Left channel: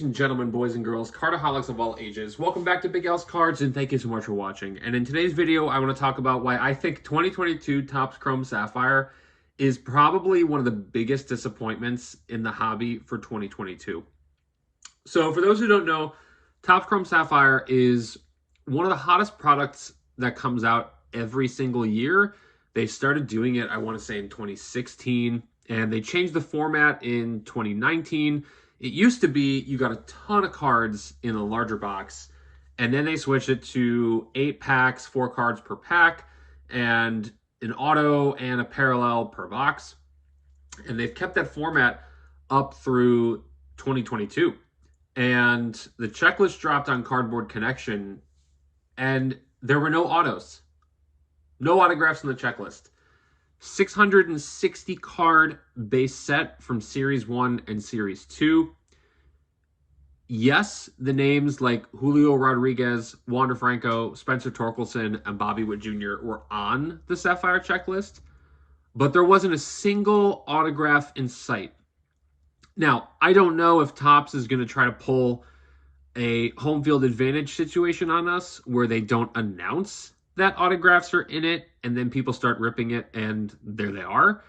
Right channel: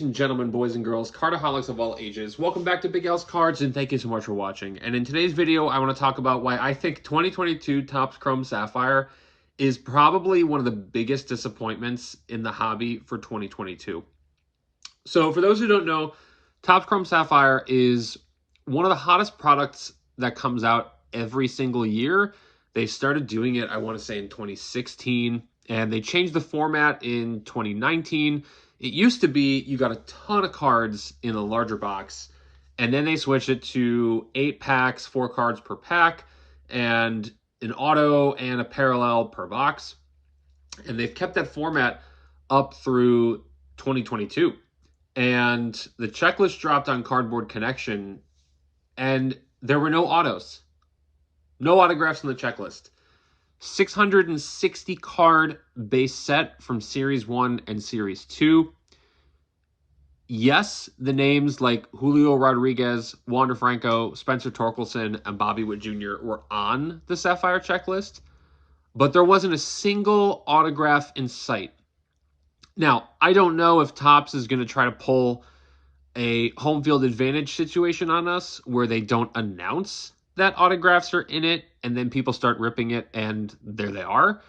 Ladies and gentlemen, boys and girls, cardaholics of all ages, welcome back to Big Al's Cards, and thank you so much for watching. And in today's video, I want to talk about why I think 2022 Topps Chrome Sapphire is probably one of the biggest disappointments in the hobby for 2022. So for those who don't know, Topps Chrome Sapphire is one of the hottest products that comes out every single year. They started doing it, I want to say, in 2016, and they changed the format in 2019. It used to be you got a ton of cards in a larger box, and then they switched it to 8 packs, 4 cards per pack, and an auto and a parallel per box. And they've kept that format up through 2022. And the checklist dropped on Cardboard Connection, and there were no autos. No autographs in the checklist. 660 card base set from Series 1 and Series 2. Yes, the names like Julio Rodriguez, Wander Franco, Spencer Torkelson, and Bobby Witt Jr. were on the Sapphire checklist, but there wasn't a single autograph in sight. Now, I don't know if Topps is going to try to pull a home field advantage situation on us where they don't announce that autographs are in it, and then people start ripping it, and there they are.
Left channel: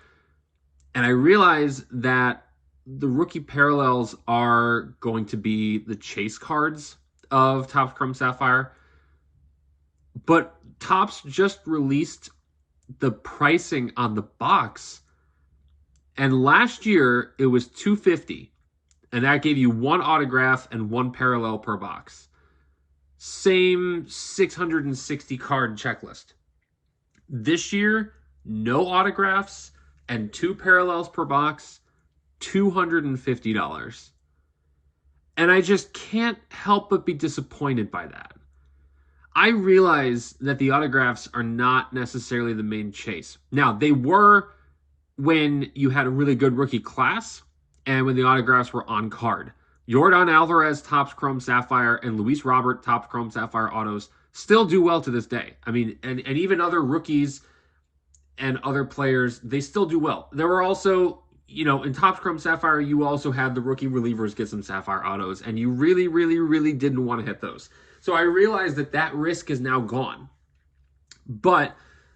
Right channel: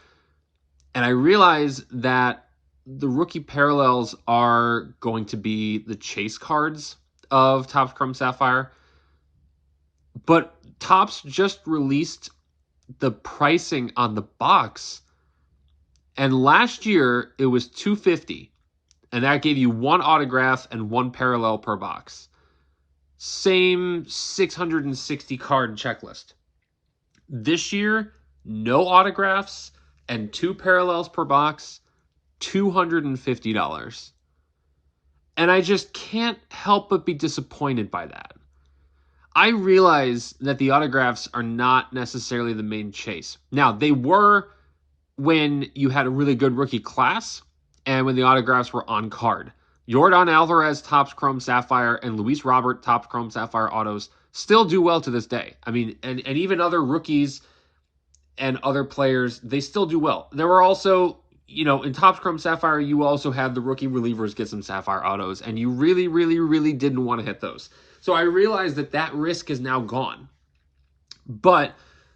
And I realize that the rookie parallels are going to be the chase cards of Topps Chrome Sapphire. But Topps just released the pricing on the box, and last year it was $250, and that gave you 1 autograph and 1 parallel per box. Same 660 card checklist. This year, no autographs and 2 parallels per box, $250. And I just can't help but be disappointed by that. I realize that the autographs are not necessarily the main chase. Now, they were when you had a really good rookie class and when the autographs were on card. Yordan Alvarez Topps Chrome Sapphire and Luis Robert Topps Chrome Sapphire autos still do well to this day. I mean, and even other rookies and other players, they still do well. There were also, you know, in Topps Chrome Sapphire, you also had the rookie relievers get some Sapphire autos, and you really, really, really didn't want to hit those. So I realized that that risk is now gone. But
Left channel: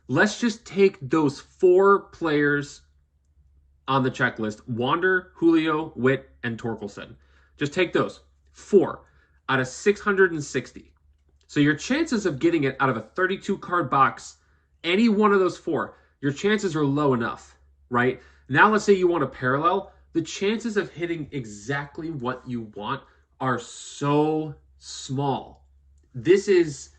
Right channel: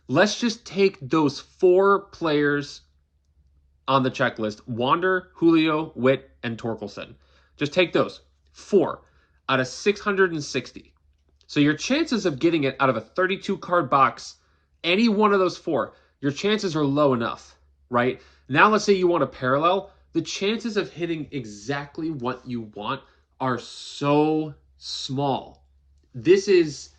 let's just take those 4 players on the checklist: Wander, Julio, Witt, and Torkelson. Just take those 4 out of 660. So your chances of getting it out of a 32 card box, any one of those 4, your chances are low enough, right? Now let's say you want a parallel. The chances of hitting exactly what you want are so small. This is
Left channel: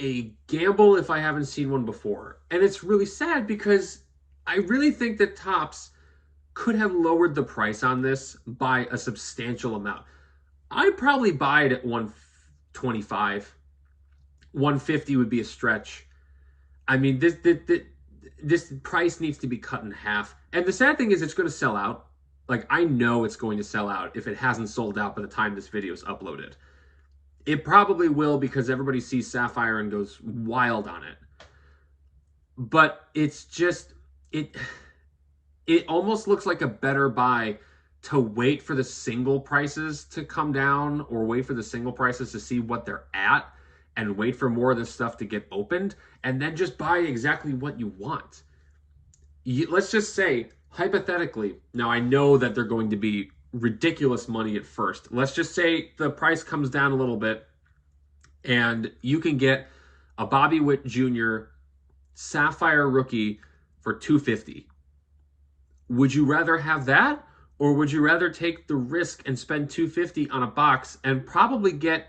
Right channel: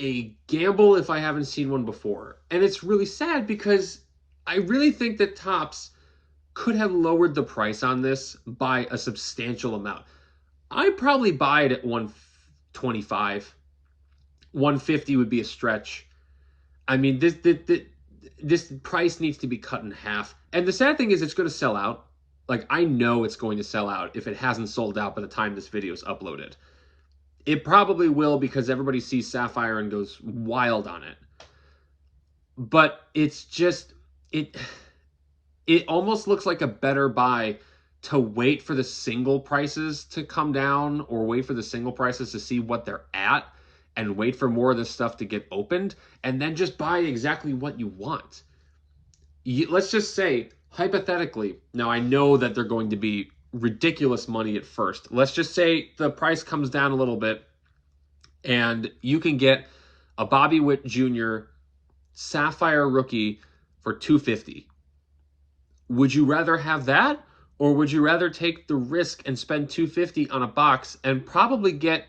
a gamble if I haven't seen one before. And it's really sad because I really think that Topps could have lowered the price on this by a substantial amount. I'd probably buy it at $125. $150 would be a stretch. I mean, this price needs to be cut in half. And the sad thing is it's going to sell out. Like, I know it's going to sell out if it hasn't sold out by the time this video is uploaded. It probably will because everybody sees Sapphire and goes wild on it. But it's just, it almost looks like a better buy to wait for the single prices to come down, or wait for the single prices to see what they're at and wait for more of this stuff to get opened, and then just buy exactly what you want. Let's just say, hypothetically, now I know that they're going to be ridiculous money at first. Let's just say the price comes down a little bit and you can get a Bobby Witt Jr. Sapphire rookie for $250. Would you rather have that, or would you rather take the risk and spend $250 on a box and probably get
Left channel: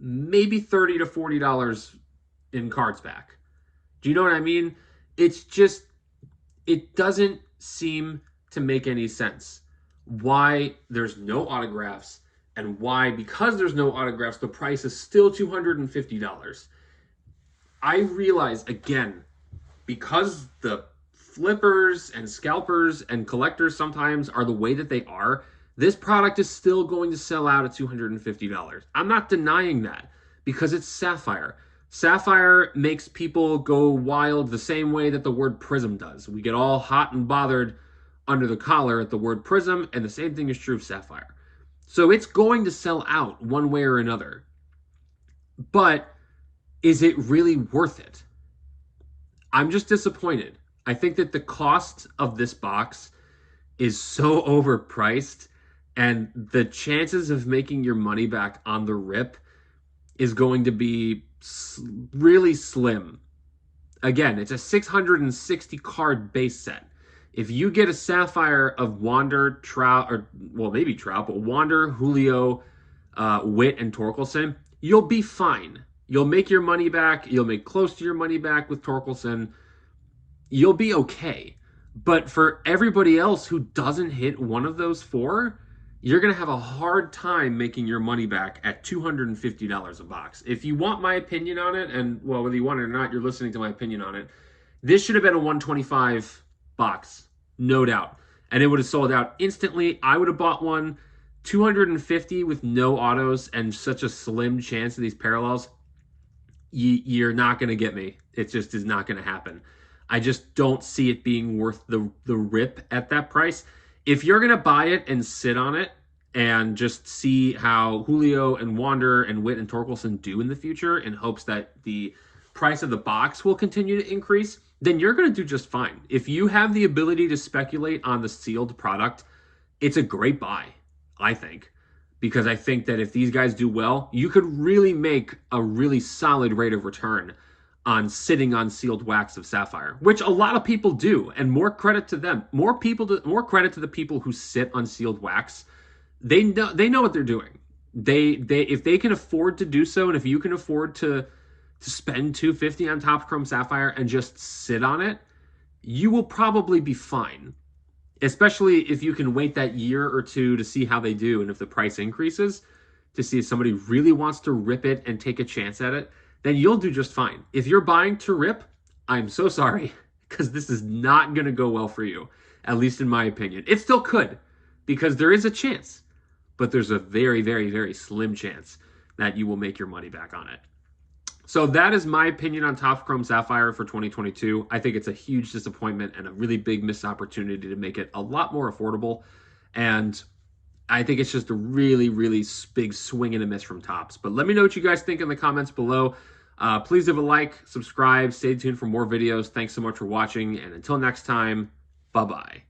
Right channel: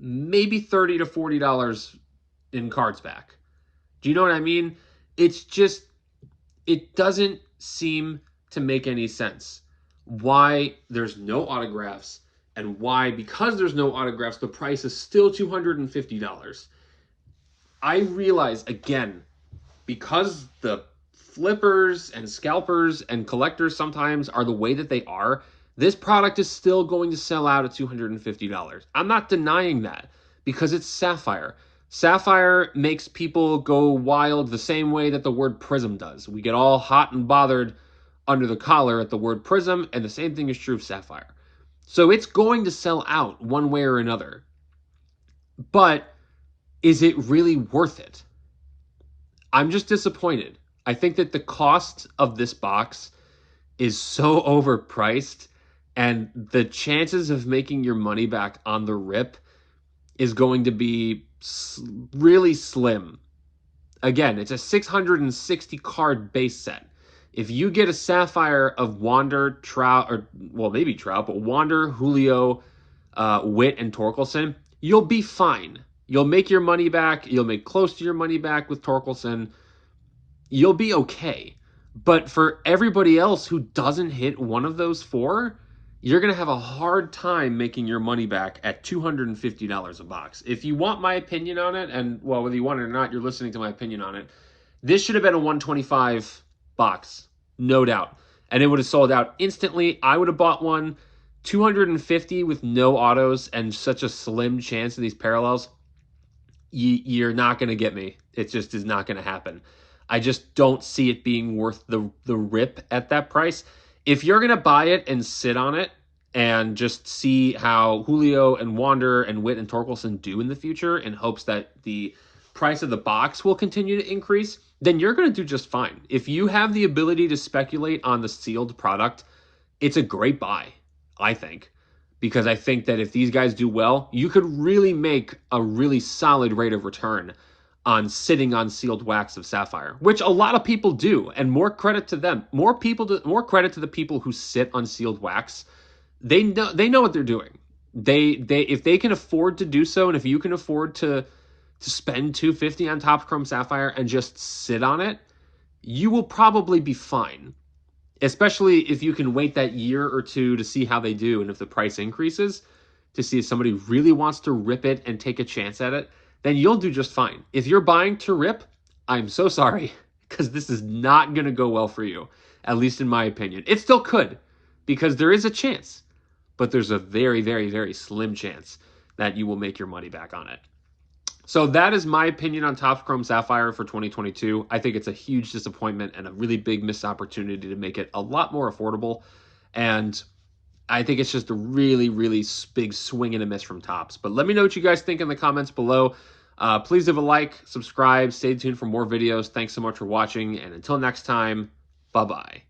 maybe $30 to $40 in cards back? Do you know what I mean? It's just, it doesn't seem to make any sense why there's no autographs, and why, because there's no autographs, the price is still $250. I realize, again, because the flippers and scalpers and collectors sometimes are the way that they are, this product is still going to sell out at $250. I'm not denying that, because it's Sapphire. Sapphire makes people go wild the same way that the word Prism does. We get all hot and bothered under the collar at the word Prism, and the same thing is true of Sapphire. So it's going to sell out one way or another. But is it really worth it? I'm just disappointed. I think that the cost of this box is so overpriced, and the chances of making your money back on the rip is going to be really slim. Again, it's a 660 card base set. If you get a Sapphire of Wander, Trout, or, well, maybe Trout, but Wander, Julio, Witt, and Torkelson, you'll be fine. You'll make your money back. You'll make close to your money back with Torkelson. You'll be okay. But for everybody else who doesn't hit one of those four, you're going to have a hard time making your money back at $250 a box. If you want my opinion on it, and, well, whether you want it or not, you're listening to my opinion on it, this should have been a 125 box, no doubt. And it would have sold out instantly. I would have bought one. 250 with no autos and such a slim chance of these parallels, you're not going to get me. It just is not going to happen. I just don't see it being worth the rip at that price. If you're going to buy it and sit on it and just see how Julio and Wander and Witt and Torkelson do in the future in hopes that the price of the box will continue to increase, then you're going to do just fine. If you have the ability to speculate on the sealed product, it's a great buy, I think, because I think that if these guys do well, you could really make a really solid rate of return on sitting on sealed wax of Sapphire, which a lot of people do, and more credit to them. More credit to the people who sit on sealed wax. They know what they're doing. They if they can afford to do so, and if you can afford to spend $250 on Topps Chrome Sapphire and just sit on it, you will probably be fine. Especially if you can wait that year or two to see how they do, and if the price increases, to see if somebody really wants to rip it and take a chance at it, then you'll do just fine. If you're buying to rip, I'm so sorry, because this is not going to go well for you, at least in my opinion. It still could, because there is a chance, but there's a very, very, very slim chance that you will make your money back on it. So that is my opinion on Topps Chrome Sapphire for 2022. I think it's a huge disappointment and a really big missed opportunity to make it a lot more affordable. And I think it's just a really, really big swing and a miss from Topps. But let me know what you guys think in the comments below. Please leave a like, subscribe, stay tuned for more videos. Thanks so much for watching, and until next time, bye-bye.